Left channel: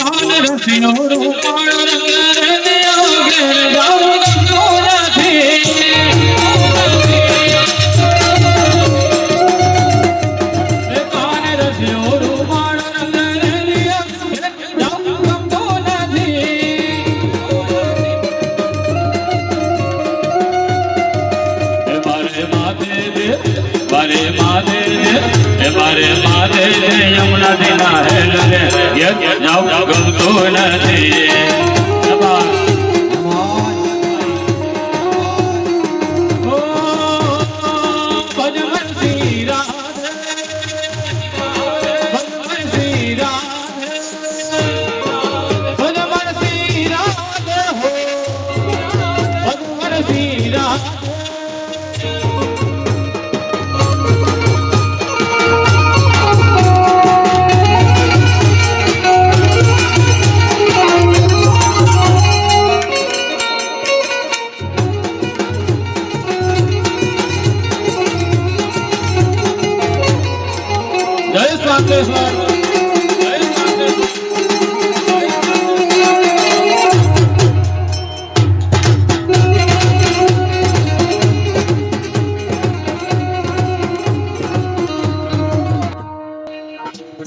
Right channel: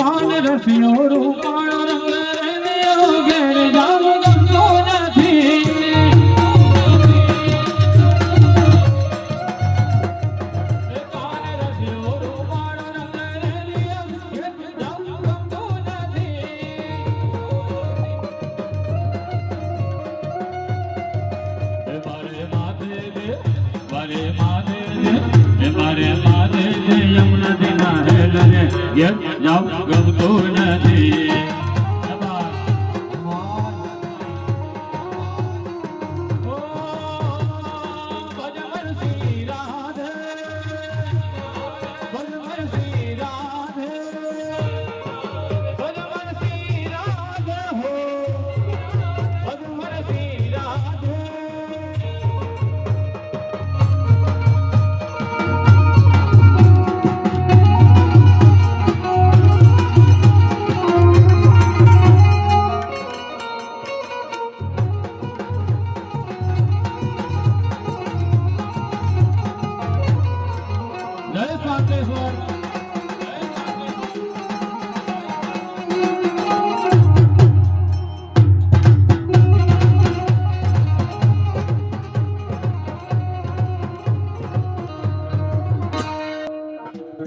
કાન રસિયો રૂપાળો રંગ ઘેર જાઉં ગમતો નથી કાન રસિયો રૂપાળો રંગ ઘેર જાઉં ગમતો નથી મારે માથે યમુના દીના હેલ ને જાઉં ગમતો નથી જય સ્વાતેશ્વર